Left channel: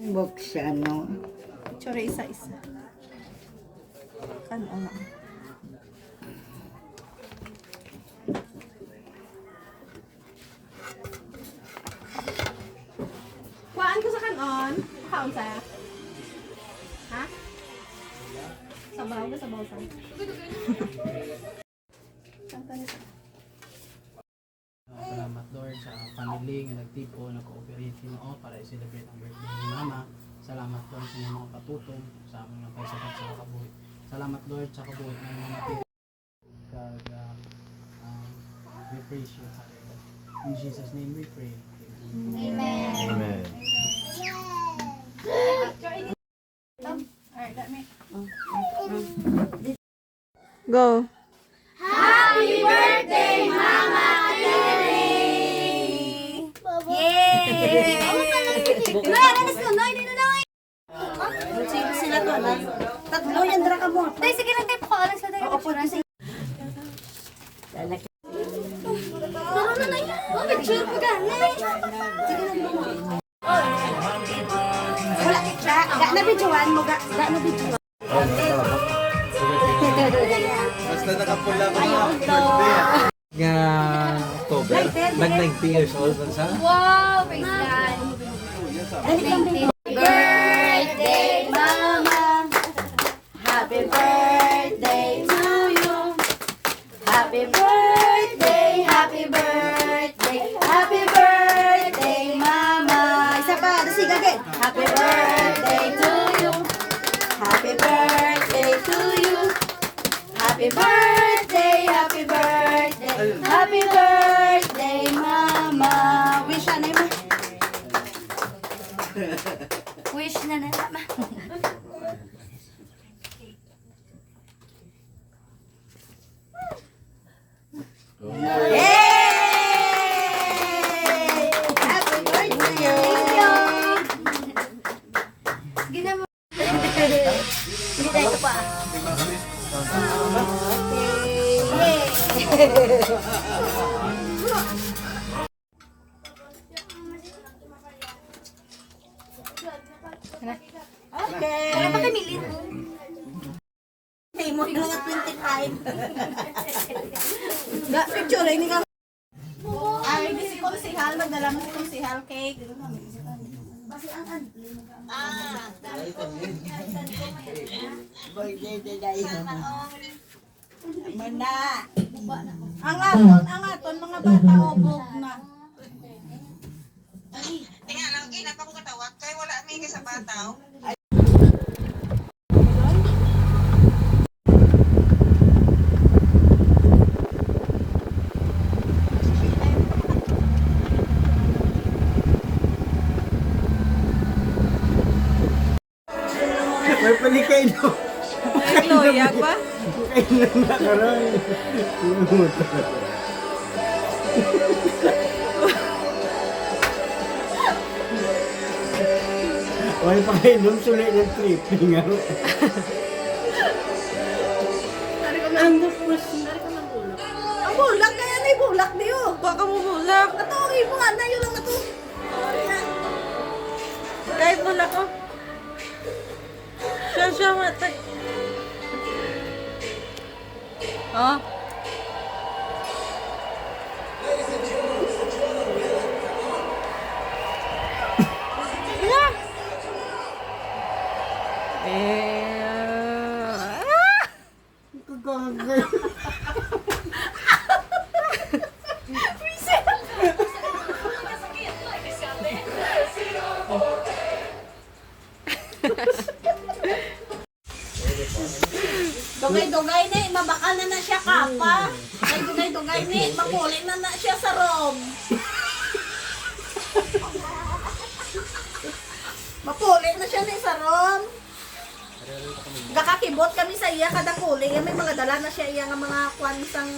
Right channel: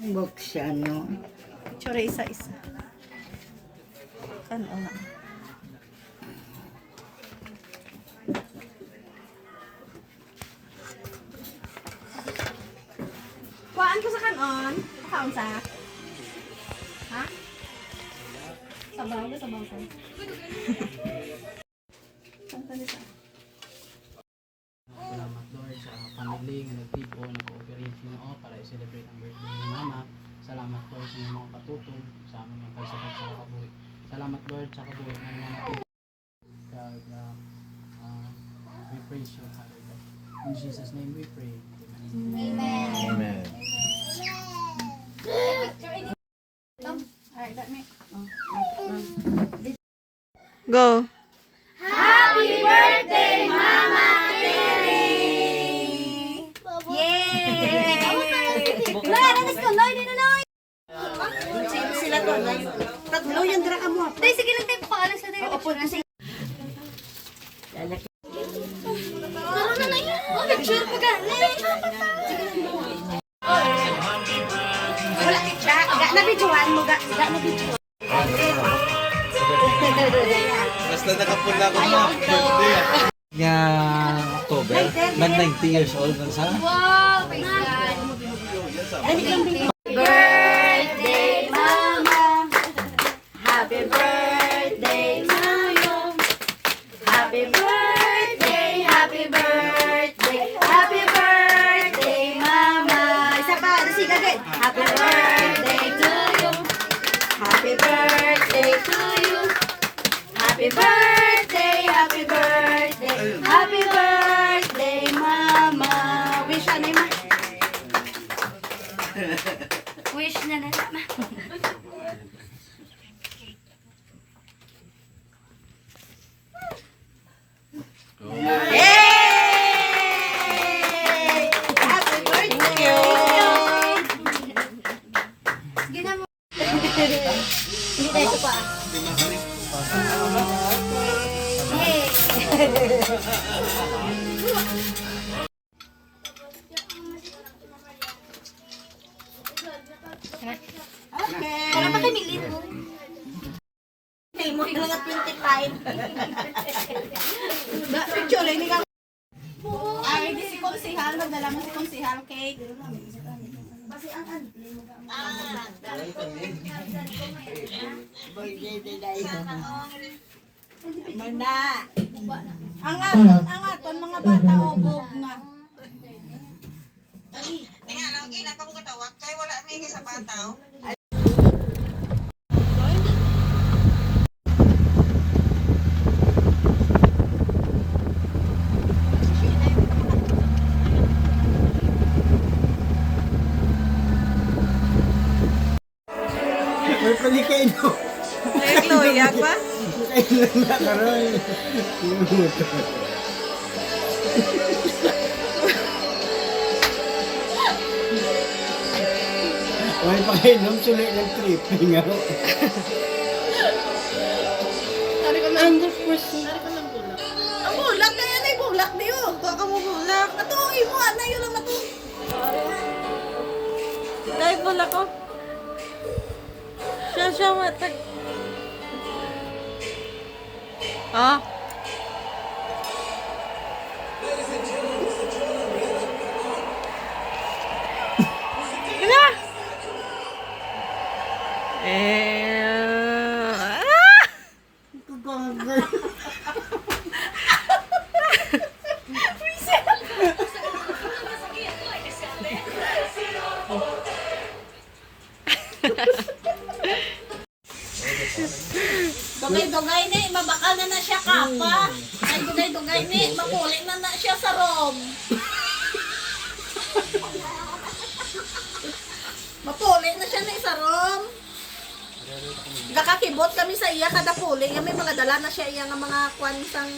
Box siya, no? Picture isa-isa. Ano lang. Kuhaan ko sa kanon. Kuhaan sa. Ha? Sabaw na, sabaw sa. Salamat Lord sa family nga nagtipo, nag-cooperate Ginoo para i-celebrate ang birthday ni Mama. Salamat Lord sa inyong mga patutong sa aming mga pagsakat sa kabuhi. Salamat Lord sa kabuhi ng mga natin. We praise you, Father God. In Jesus' name we pray. Amen. Amen. Alright, let me. Go. Happy birthday, Mama Terry! Yay! Noy, alas ko, Noy, dito, Noy! Sino sila to, Noy? Tatlo yan, dara ka mo. Dahil, sige lang tayo, paalas ka tayo. Opo, sige. Turo na, Noy. Oh, picture ko ka, Noy. Sige lang. Wala, siya, ga na videoan mo, ga na videoan. Basta nakapula ko na. Nga October, nag 90 years old na sa. Wow, praise God. Birthday, Mama. Happy birthday to you. Happy birthday, happy birthday, happy birthday, Mama. Isa pa, sige agad. Happy birthday to you. Happy birthday to you. Happy birthday, happy birthday, happy birthday, Mama. Wish na naman. Wish na naman. Yay! Happy birthday! Thank you. Sige na mo. Hindi tayo pa. Okay. Para ba tayo milin mo? Hey, mo na 25. Picture, hindi ka. Ay, hindi si Konsihal. Magdala mo si Konsihal cake. Birthday today. Mana. Ang aton, mga bata, obog na. Kaya lang, ina pa ko katawag, kaya wala may sa bataw. May palikay no. May kloyak ba? Kailan na karoon. May pakainom sulit ng tripping ako. Tari ko na. Tari ko ng bulak. Ang bulak na yan ay bulak niyo. Baka mo bulak. Matuloy mo, na yun lang matuloy. Kahit bulak ko. Siya matag. Oh. Ina. Dugay-dugay ni, mabakal na siya kapa. Ay dugay-dugay ni, makulit na siya sa room. Mapulit na siya ni sa room. Gakakibot kami sa iya kada puli. May mga dala na siya iya nga mga kwansang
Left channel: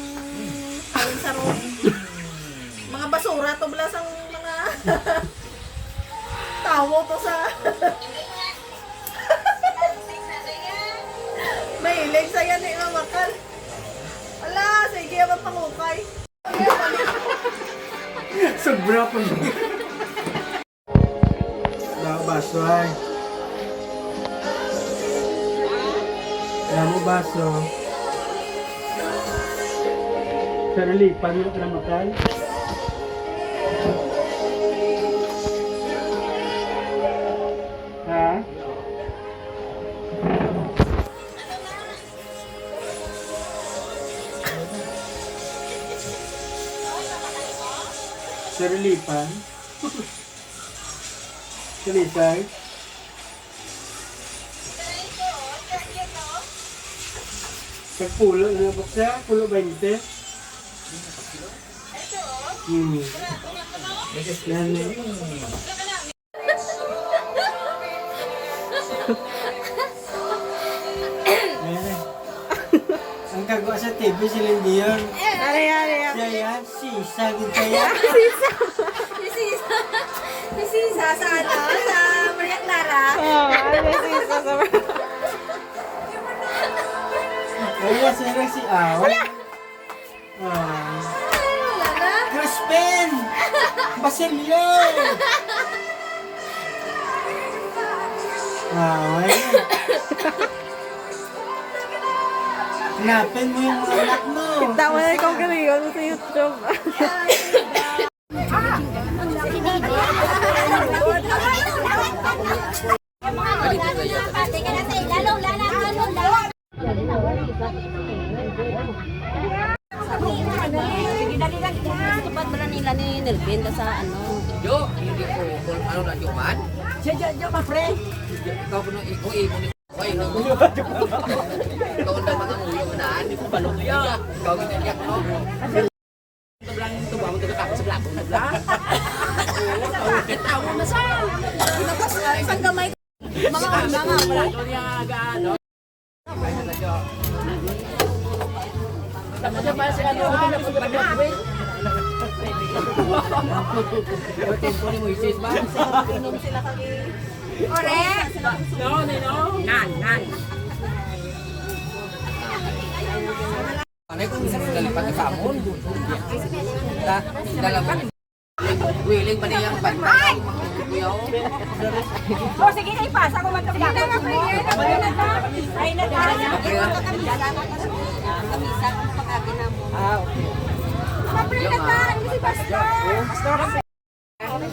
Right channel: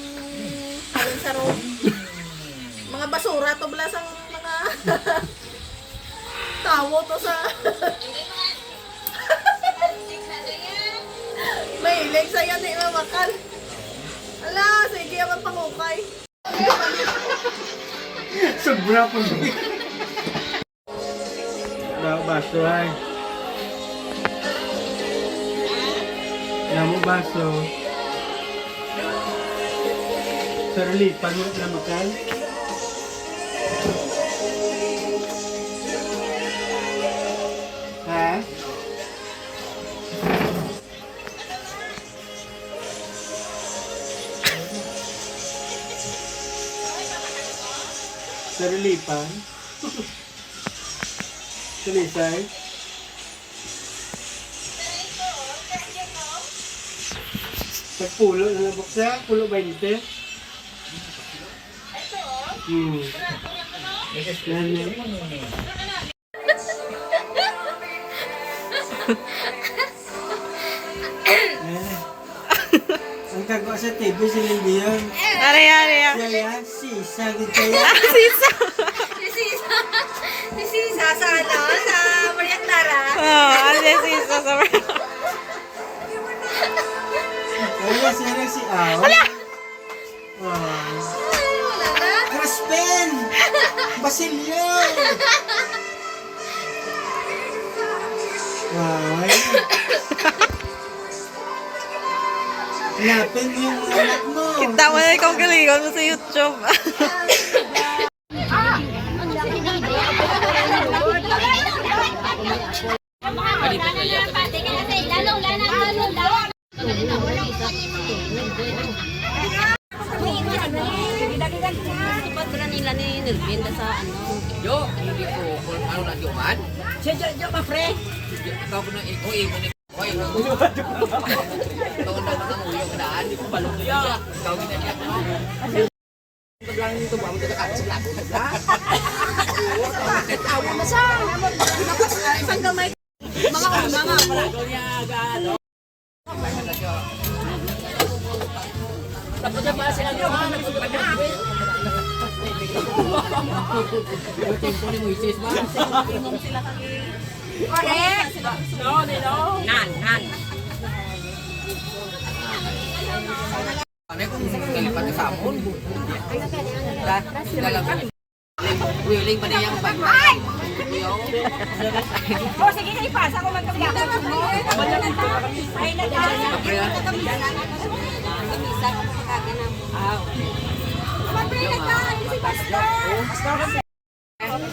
sa room. Mga basura to bala sang mga tawo to sa mahilig sa'yo ni Mamakal. Ala, sige ang pangukay. Sobra pa. baso ay. Alam mo baso. Sarulipan mo na makan. Ha? Sarulipan. Sulisay. Pagpulo na nabok siya, pulo 20. Yan eh. Ayan eh. Ang kagawa sa TV sila hindi yun. Ari. Kaya, sisa, gitaya. Si Sisa sa ano? Sa Maria Clara. Oh, ano si Sisa sa Kaya sila si Aw. Wala! Crispin! Basilio! Ay. Hanapin mo yung anak mo. Kita mo na ikaw galingon mo sa YouTube. Willing pa niyang bantay. O, sige na ipasa ko matagapon mo. Ay,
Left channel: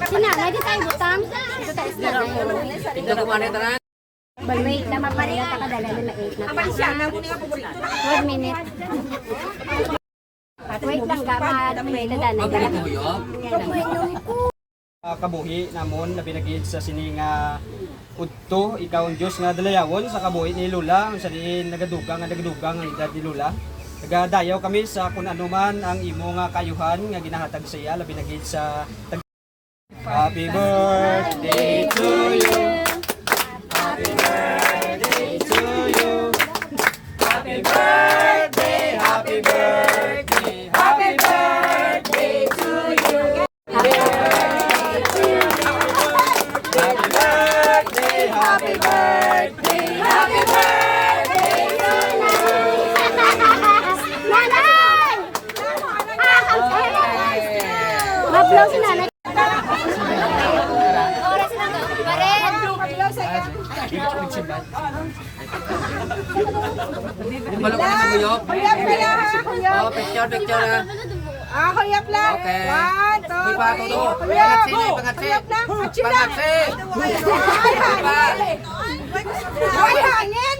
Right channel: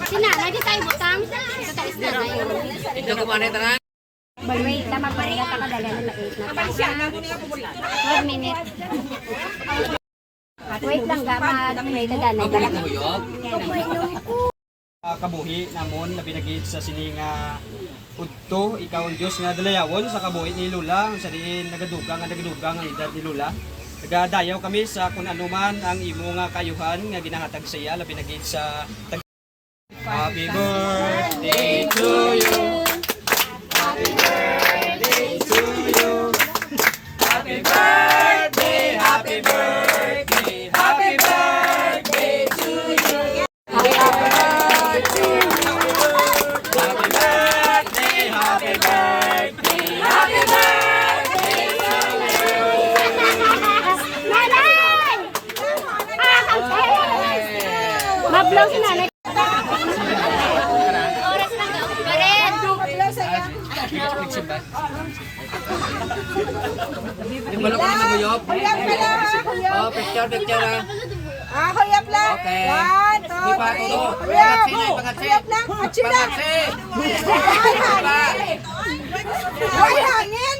Sinanay di tayo butang. Ito tayo isda na yun. Ito ko man ito na. Wait, tama pa rin yata kadala na 8 na pa. 1 minute. Wait lang, wait na dala. Kabuhi namon na binagid sa sininga udto ikaw ang Dios nga dalayawon sa kabuhi ni Lula sa diin nagadugang ang edad ni Lula. Nagadayaw kami sa kung ano man ang imo nga kayuhan nga ginahatag sa iya labi nagid sa Happy birthday to you. Happy birthday to you. Happy birthday, happy birthday, happy birthday to you. Happy birthday, happy birthday, happy birthday to you. Mag-blow si nanay. Yung balok na naguyop. Oh, picture ah. Huyap lang. Okay. 1, 2, Di pa todo. 3. Pangatsi. Pangatsi. Ay, hangin.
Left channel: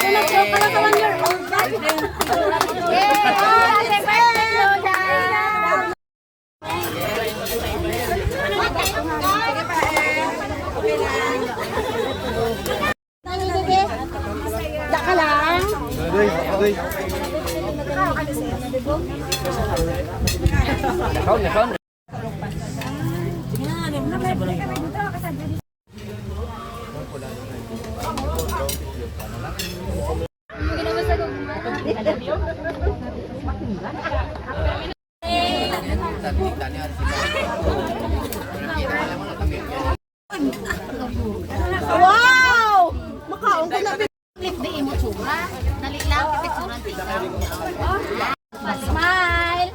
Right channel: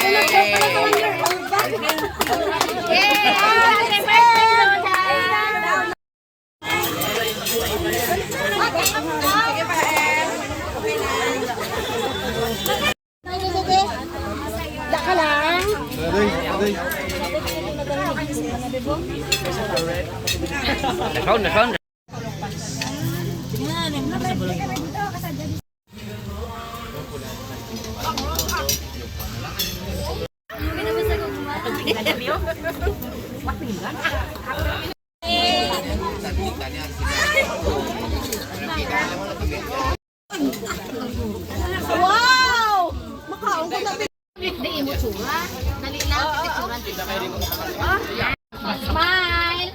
Sunod ka pala sa 1 year old. Daka lang. Nakaon. Wow! Makaon ko na. Di mo tsura. Dali lang, pitsura. Smile!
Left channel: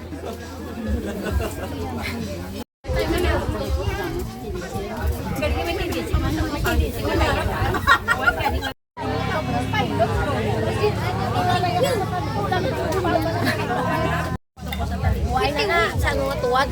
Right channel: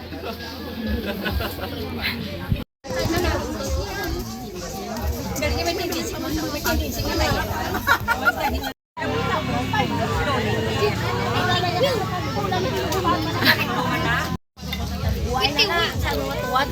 Iting sa tuwad.